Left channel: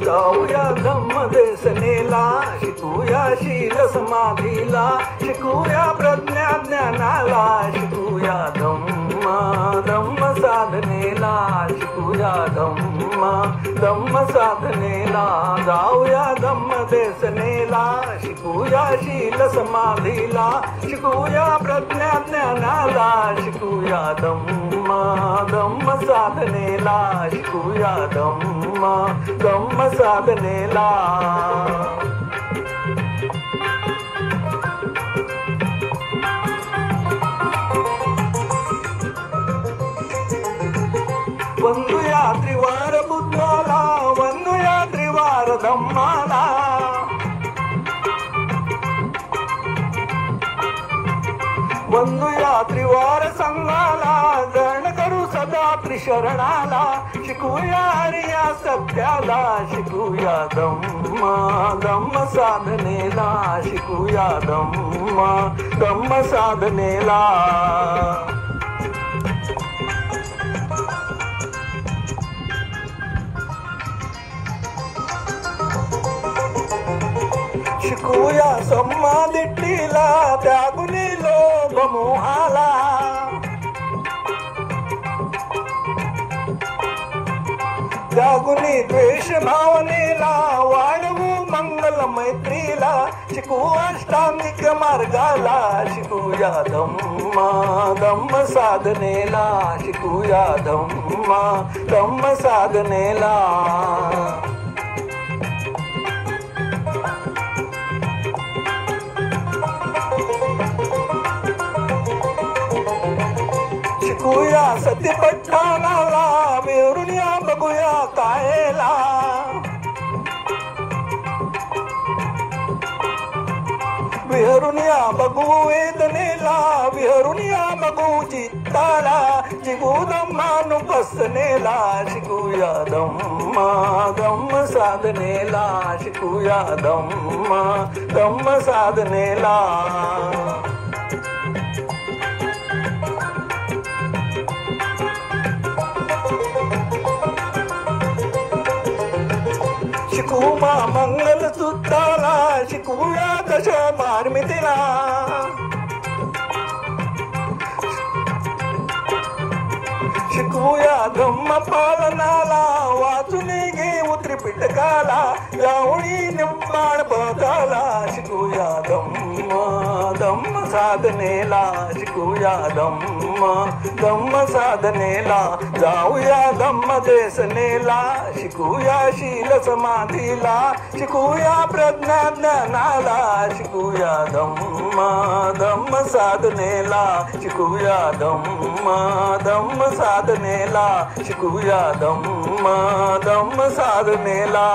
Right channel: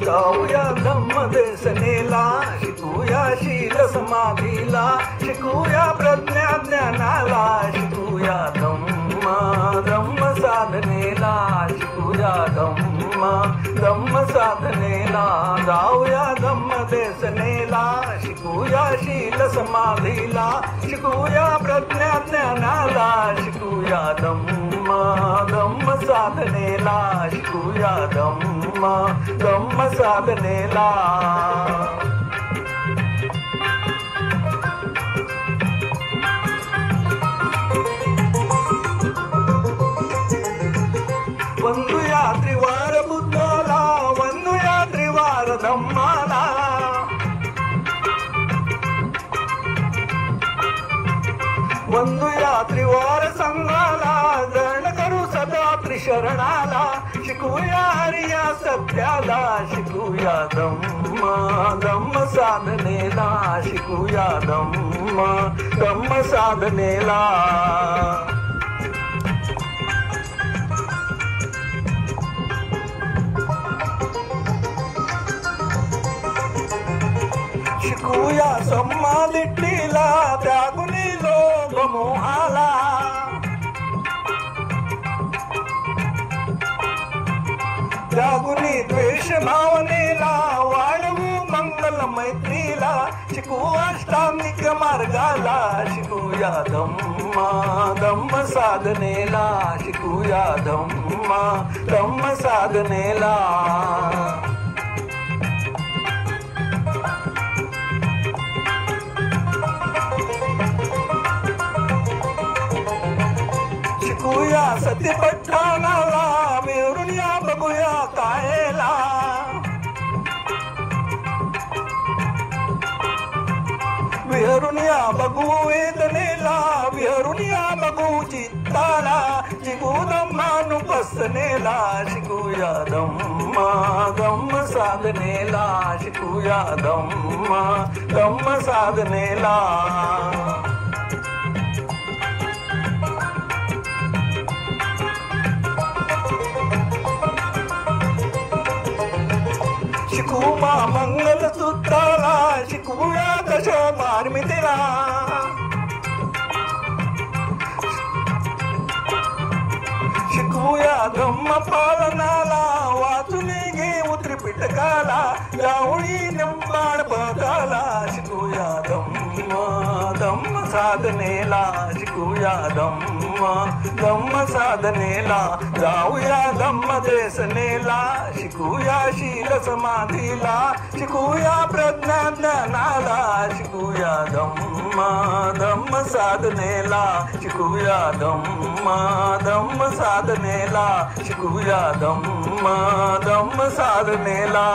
जाऊया धम्मदेशनेला, शिकूया शील समाधीला, शिकूया प्रज्ञा ज्ञानाला, शिकूया धम्म साधनेला, शिकूया धम्म साधनेला. जाऊया धम्मदेशनेला, शिकूया शील समाधीला, शिकूया प्रज्ञा ज्ञानाला, शिकूया धम्म साधनेला, शिकूया धम्म साधनेला. वंदूया त्रिवार बुद्धाला, वंदूया त्रिवार धम्माला, वंदूया त्रिवार संघाला, जण करू सदा त्रिशरणाला, शिकूया हरिया सत्याला, शिकूया धम्म साधनेला, शिकूया धम्म साधनेला. शिकूया समाधिला, त्यागुनी लोभ मोहाला, त्यागुनी द्वेष भावनेला, वाढवू मंगल मैत्रीला, शिकू अष्टांगिक मार्गाला, शिकूया धम्म साधनेला, शिकूया धम्म साधनेला. शिकूया सत्यपट्टाला, विहरुया बघूया कायला, विहरुया बघू वेदनेला, विहरुया बघू चित्ताला, जिगू धम्मानुपसनेला, शिकूया धम्म साधनेला, शिकूया धम्म साधनेला. शिकूया मंगल सूत्राला, शिकूया दशमार्मितीला, शिकूया धम्म पालनाला, वाचून घेऊ त्रिपिटकाला, जाऊनी निंबाळ पदाला, शिकूया धम्म साधनेला, शिकूया धम्म साधनेला. जाऊया धम्मदेशनेला, शिकूया शील समाधीला, शिकूया प्रज्ञा ज्ञानाला, शिकूया धम्म साधनेला, शिकूया धम्म साधनेला, शिकूया धम्म साधनेला.